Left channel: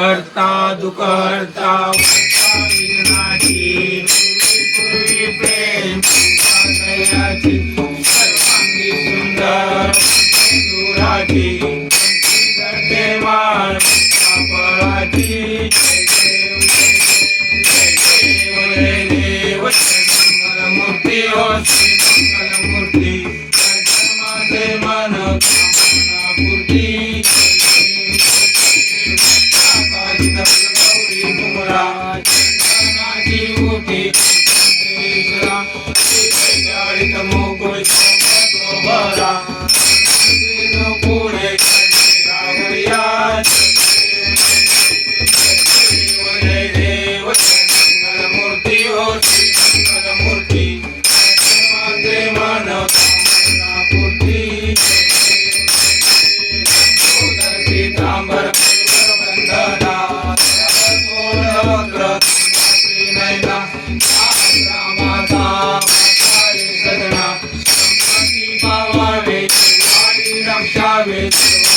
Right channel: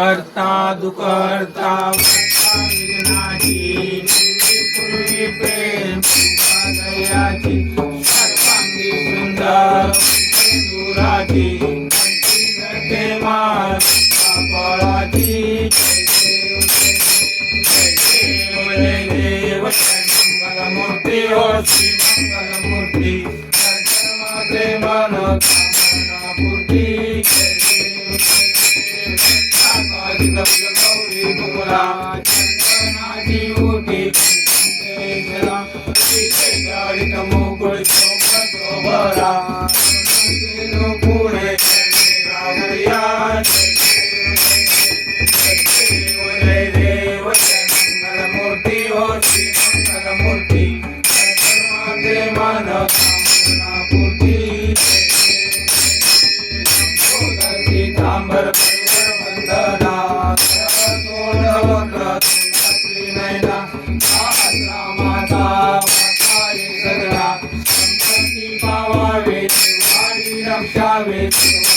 करता दुकर्ता विघ्नाची पूर्वी प्रेम दयाची सर्वांगी सुंदर दुराची करते मान फळाची जय देव मंगलमूर्ती हो श्री मंगलमूर्ती माझे मन कामना पूर्ती गौरी बुमरा चंदनाची उठी जडित मुकुळ शोभरा पुढे रावया जय देव मंगलमूर्ती हो श्री मंगलमूर्ती माझे मन कामना पूर्ती पीतांबर वंदना सोळवक्र श्रीनयना रामाचा सदना संपत्ती पावावे वाडी रक्षावे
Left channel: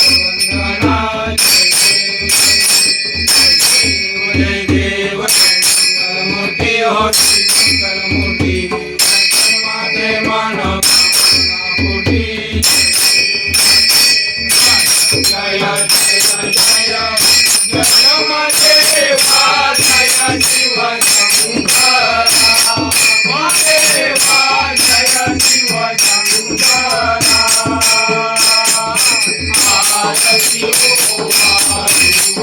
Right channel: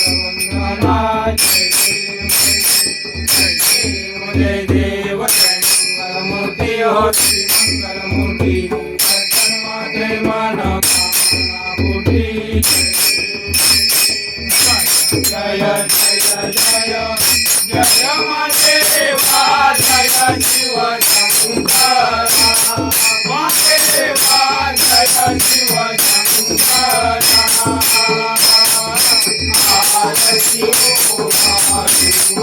वंदना जय देव मंगलमूर्ती हो श्री मंगलमूर्ती माझे मन कामना पूर्ती जय जय जय जय महादेवा जय शिव शंकरा महादेवा जय शिव शंकरा आरती हो आरती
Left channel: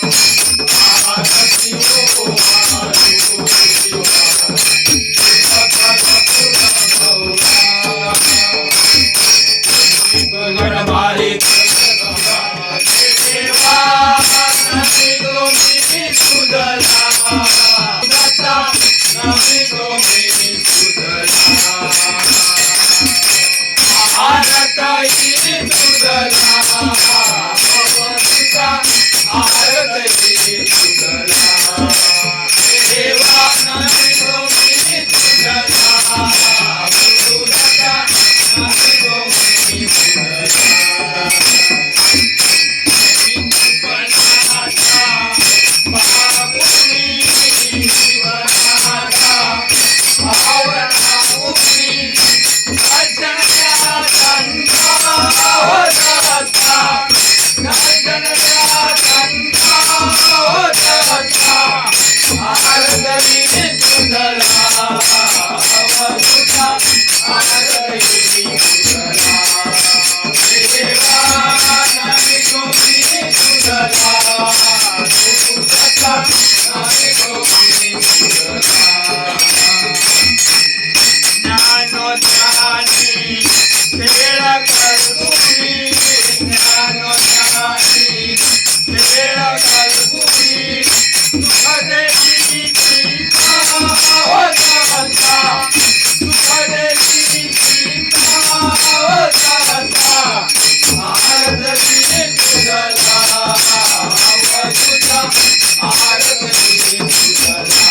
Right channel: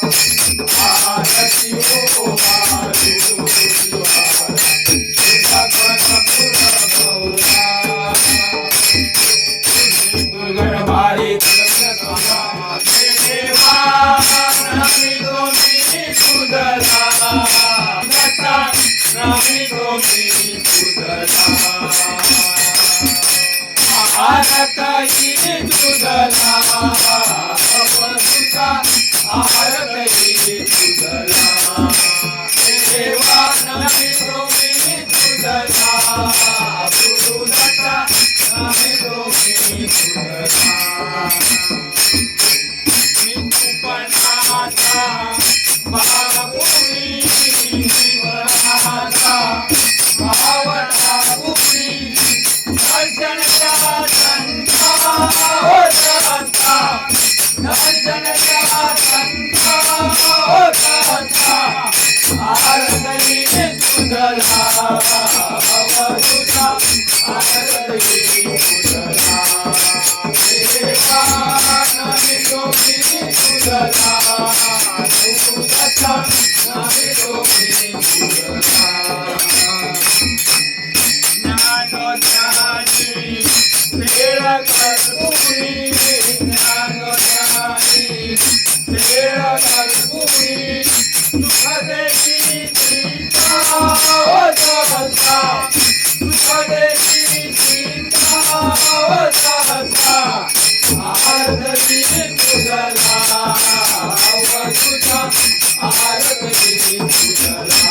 Thank you. गोमी सुधला आरती सुधला अवधूता आरती सुधला देवा नाही गोमी सुधला गुरुदत्ता नाही गोमी सुधला पणाचा बाबुनी शिवनाचा भावना उभी दर्शनच्या संता होता दर्शनच्या संता होता आरती सुधला अवधूता आरती सुधला देवा नाही गोमी सुधला गुरुदत्ता नाही गोमी सुधला ज्ञानोज्ञानी वेळ कर्पूरी ज्ञानोज्ञानी वेळ कर्पूरी सुखदेशी चिंता होता सुखदेशी चिंता होता आरती सुधला अवधूता आरती सुधला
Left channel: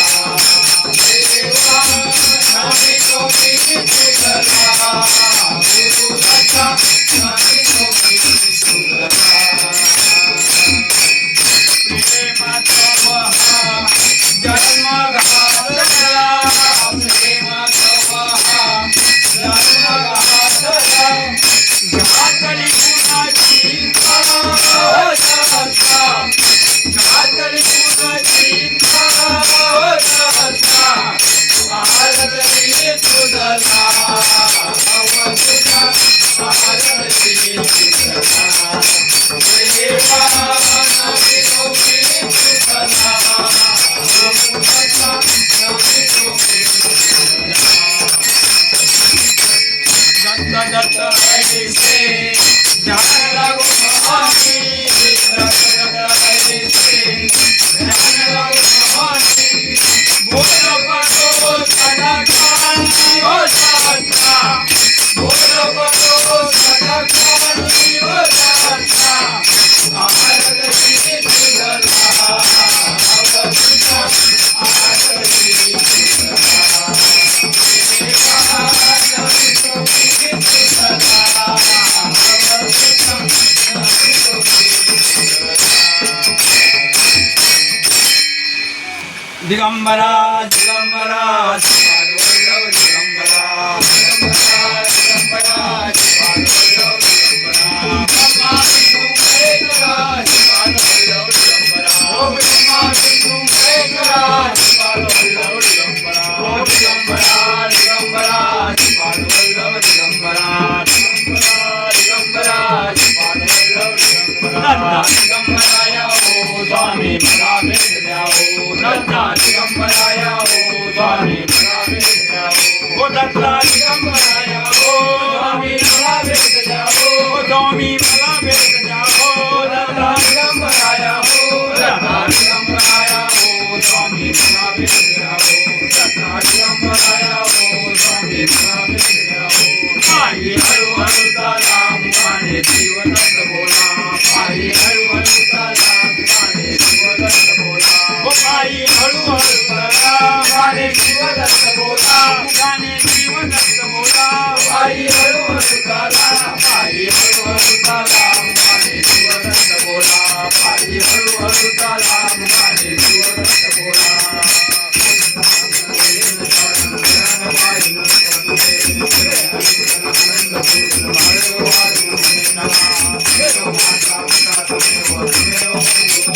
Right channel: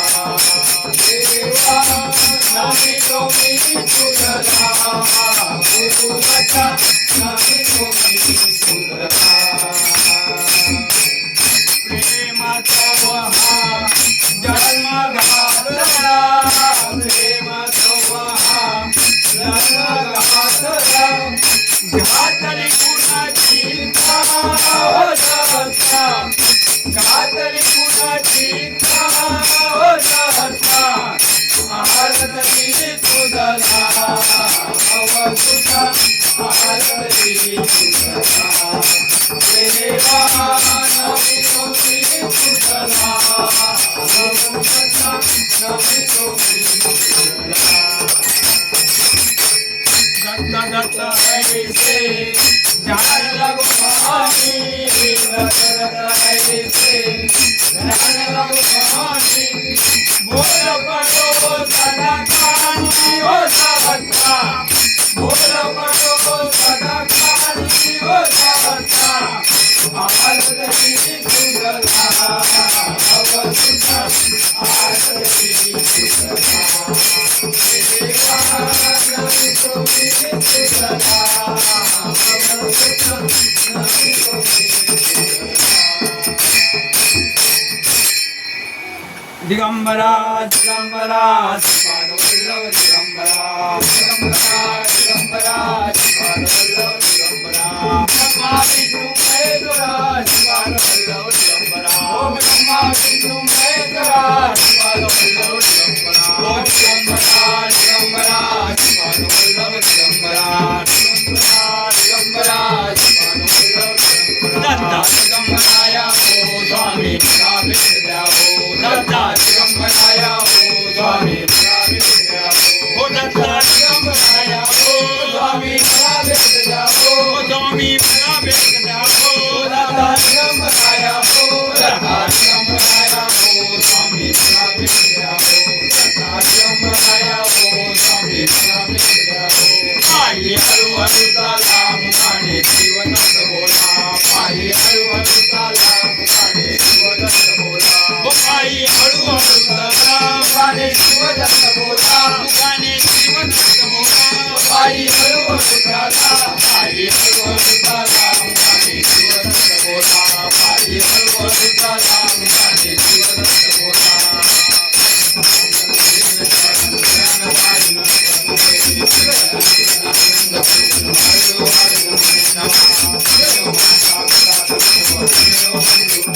देवा नाही गोमी सुधला गुरुदत्ता नाही गोमी सुधला प्रेमाचा वहा जन्म घातला प्रेमाचा वहा जन्म घातला घातली कुणाची होता घातली कुणाची होता आरती सुधला अवधूता आरती सुधला देवा नाही गोमी सुधला गुरुदत्ता नाही गोमी सुधला दत्ता दत्ता ऐसे ध्यान लागो स्वामी दत्ता ऐसे ध्यान लागो स्वामी बोल पडो सदा काली हो सदा बोल पडो सदा काली हो सदा आरती सुधला अवधूता आरती सुधला देवा नाही गोमी सुधला अवधूता नाही गोमी सुधला दिगंबरा दिगंबरा पादवल्लभ दिगंबरा दिगंबरा दिगंबरा ब्रह्मा विष्णु महेश्वरा पादवल्लभ दिगंबरा ओम ब्रह्मा विष्णु महेश्वरा पादवल्लभ दिगंबरा ओम दिगंबरा दिगंबरा पादवल्लभ दिगंबरा दिगंबरा पादवल्लभ दिगंबरा दिगंबराया हो स्वामी मला भेट द्या हो दत्ता दिगंबराया हो स्वामी मला भेट द्या हो दत्ता दिगंबराया हो स्वामी मला भेट द्या हो स्वामी मला भेट द्या हो दत्ता दिगंबराया हो दत्ता दिगंबराया हो स्वामी मला भेट द्या हो दत्ता दिगंबराया हो स्वामी मला भेट द्या हो पायी हळूहळू चाला मुखाने जीवदत्त बोला पायी हळूहळू चाला मुखाने जीवदत्त बोला हो पायी हळूहळू चाला मुखाने जीवदत्त बोला मुखाने जीवदत्त बोला पायी हळूहळू चाला पायी हळूहळू चाला मुखाने जीवदत्त बोला पायी हळूहळू चाला मुखाने जीवदत्त बोला Hare